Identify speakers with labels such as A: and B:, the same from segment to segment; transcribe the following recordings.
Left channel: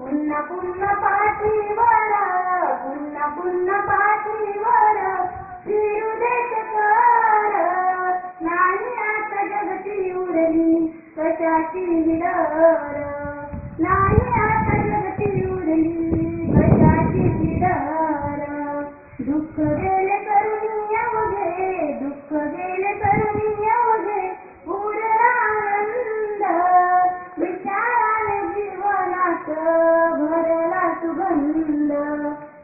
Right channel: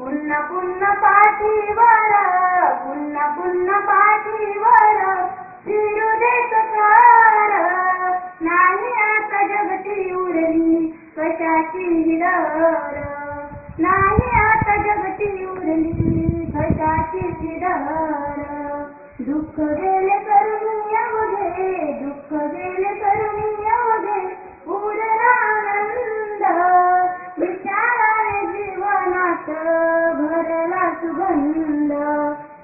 A: पुन्हा पुन्हा पाठीवर पुन्हा पुन्हा पाठीवर फिरू दे सकार नाही आता जगती उरली कशाची डर नाही आता जगती उरली कशाची डर दुःख गेले जीवनात भरला सुगंध.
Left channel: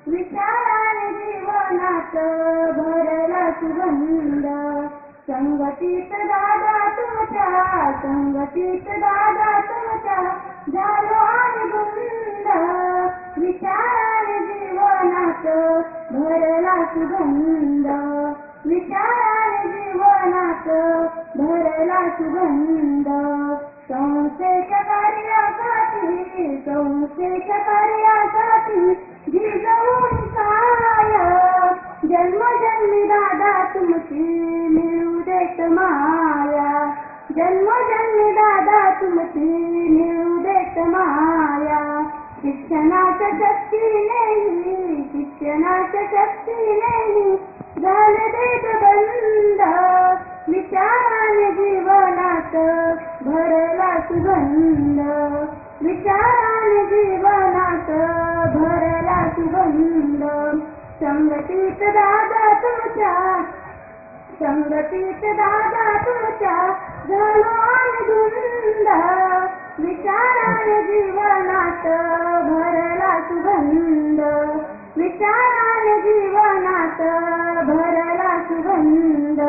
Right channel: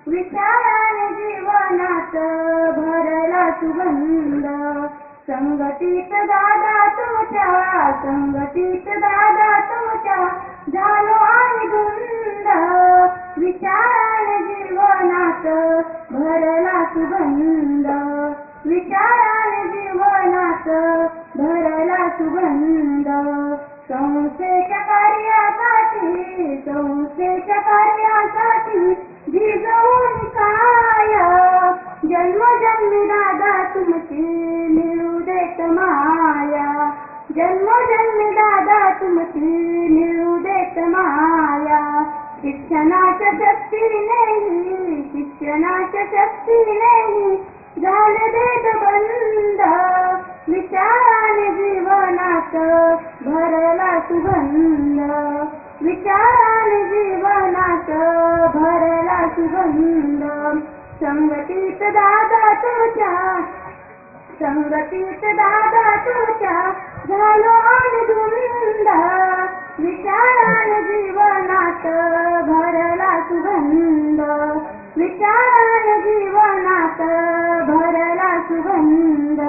A: विचाराने जीवनात भरला सुगंध. संगतीत दादा तुमच्या संगतीत दादा तुमच्या झालो आणि गुंद विचाराने जीवनात भरला सुगंध. विचाराने जीवनात भरला सुगंध. संस्थेच्या कार्यासाठी संस्थेच्या कार्यासाठी भिजवून काय जन्मजन्मी दादा तुमची मिळू देत माया. जन्मजन्मी दादा तुमची मिळू देत माया. शिक्षणाच्या शक्तीने शिक्षणाच्या शक्तीने झाले देत बंद विचाराने जीवनात भरला सुगंध. विचारान जीवनात भरला सुगंध. संगतीत दादा तुमच्या संगतीत दादा तुमच्या झालो आनंद विचारान जीवनात भरला सुगंध. विचारान जीवनात भरला सुगंध.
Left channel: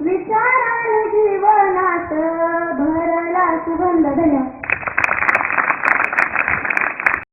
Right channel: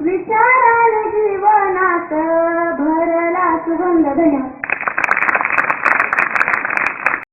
A: विचारान जीवनात भरला सुगंध. धन्यवाद.